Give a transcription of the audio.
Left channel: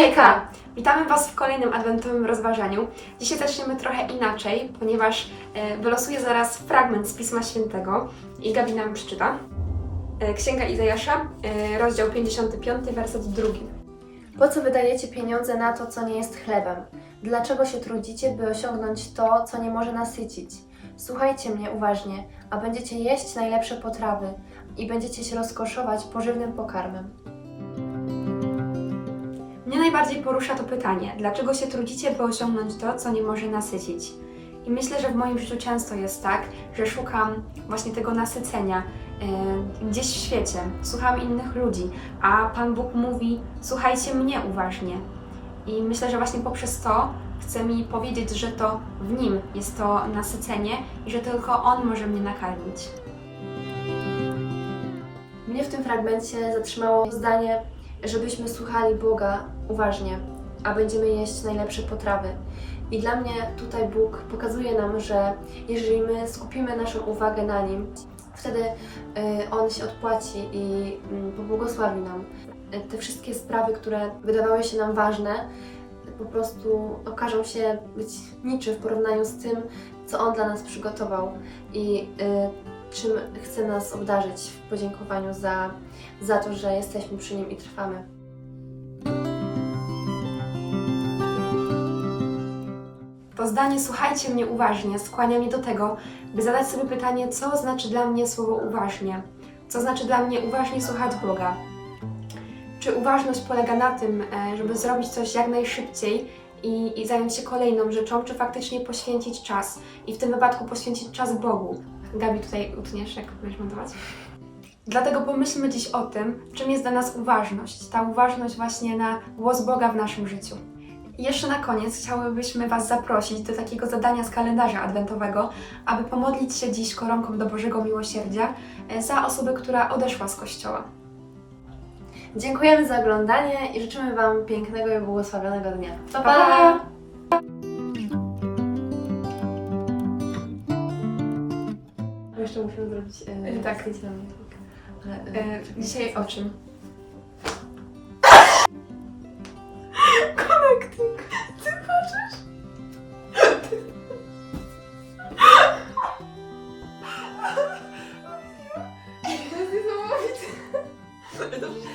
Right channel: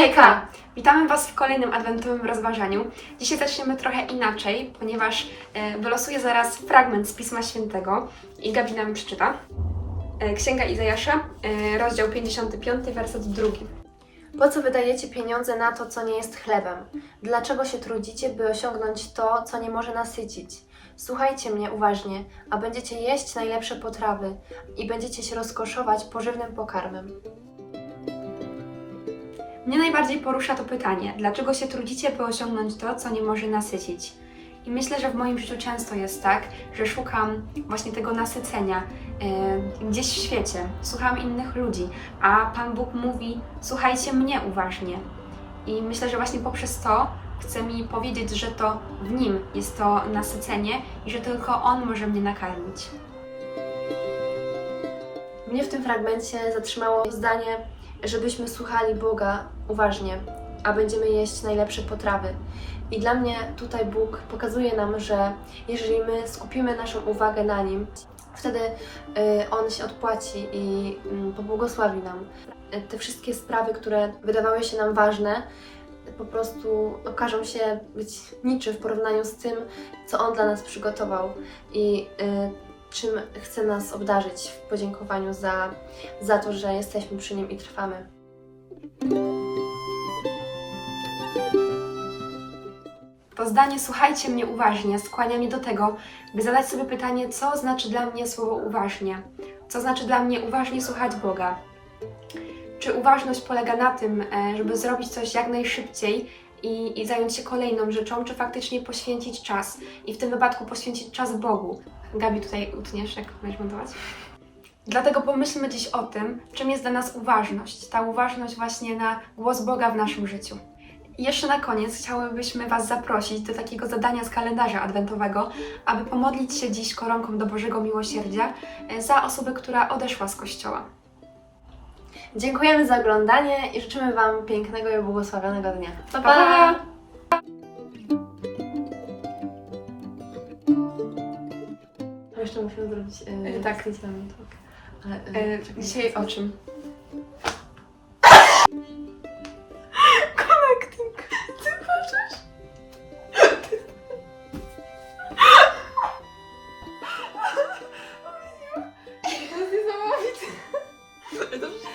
Hejka! Witamy Was w kolejnym adwentowym rozważaniu. Dzisiaj zaczniemy trochę inaczej, ponieważ e, wylosuję zaraz fragment z Pisma Świętego i Gabi nam przeczyta. E, Księga Izajasza, e, rozdział 55, werset 2. Po co wydajecie pieniądze na to, co nie jest chlebem? Dlaczego się trudzicie, by osiągnąć to, co nie może nasycić? Słuchajcie mnie uważnie, a będziecie jeść najlepsze potrawy i będziecie się rozkoszować pożywnym pokarmem. Mnie najbardziej porusza to pytanie, dlaczego się trudzicie, by osiągnąć to, co nie może nasycić? I myślę, że w moim życiu często jest tak, że szukam właśnie tego nasycenia e, gdzieś w świecie, słucham innych ludzi, a Pan Bóg mówi: Słuchajcie mnie uważnie. I myślę, że właśnie poprzez to chce mi powiedzieć, że to w nim jest to nasycenie i że tylko On może mnie nakarmić. Mnie w tym fragmencie zatrzymało zdanie, żebyśmy słuchali Boga uważnie, a będziemy jeść najlepsze potrawy. I dla mnie tutaj Bóg pokazuje nam, że jeżeli my skupimy naszą uwagę na Nim, wtedy y, On się odpłaci i mm, pobłogosławi nam. Te wszystkie sprawy, które wydawały się nam ważne, po prostu okażą się być niczym w porównaniu z tym, co On dla nas przygotował i y, czym chce nas obdarzyć w podziękowaniu za, za to, że jesteśmy przy Nim i trwamy. To zdanie słuchajcie mnie uważnie skłania mnie do tego, by zadać sobie pytanie, co znaczy dla mnie słowo uważnie? Co znaczy dla mnie uważnie słuchać Boga? Czy uważność polega na tym, e, żeby zrobić coś jak najszybciej i, i zająć się kolejną rzeczą, czy faktycznie poświęcić czas i w tym wypadku poświęcić czas Bogu? Gabi, tutaj utniesz, jak będziesz montować? Dlatego pomyślmy dziś o tym, czym jest dla nas uważność. Ta uważność właśnie na głos Boga w naszym życiu. Jeszcze na koniec chciałybyśmy Was zaprosić do takiego zadania z kalendarza adwentowego, aby pomodlić się dziś koronką do Bożego Miłosierdzia e, za osobę, która odeszła z kościoła. Dziękujemy za oglądanie i życzymy Wam pięknego i błogosławionego dnia. Pa, Pa, pa! Jeszcze musimy zrobić E, tak. zdjęcie na minutkę. E, dzisiaj o czym? them.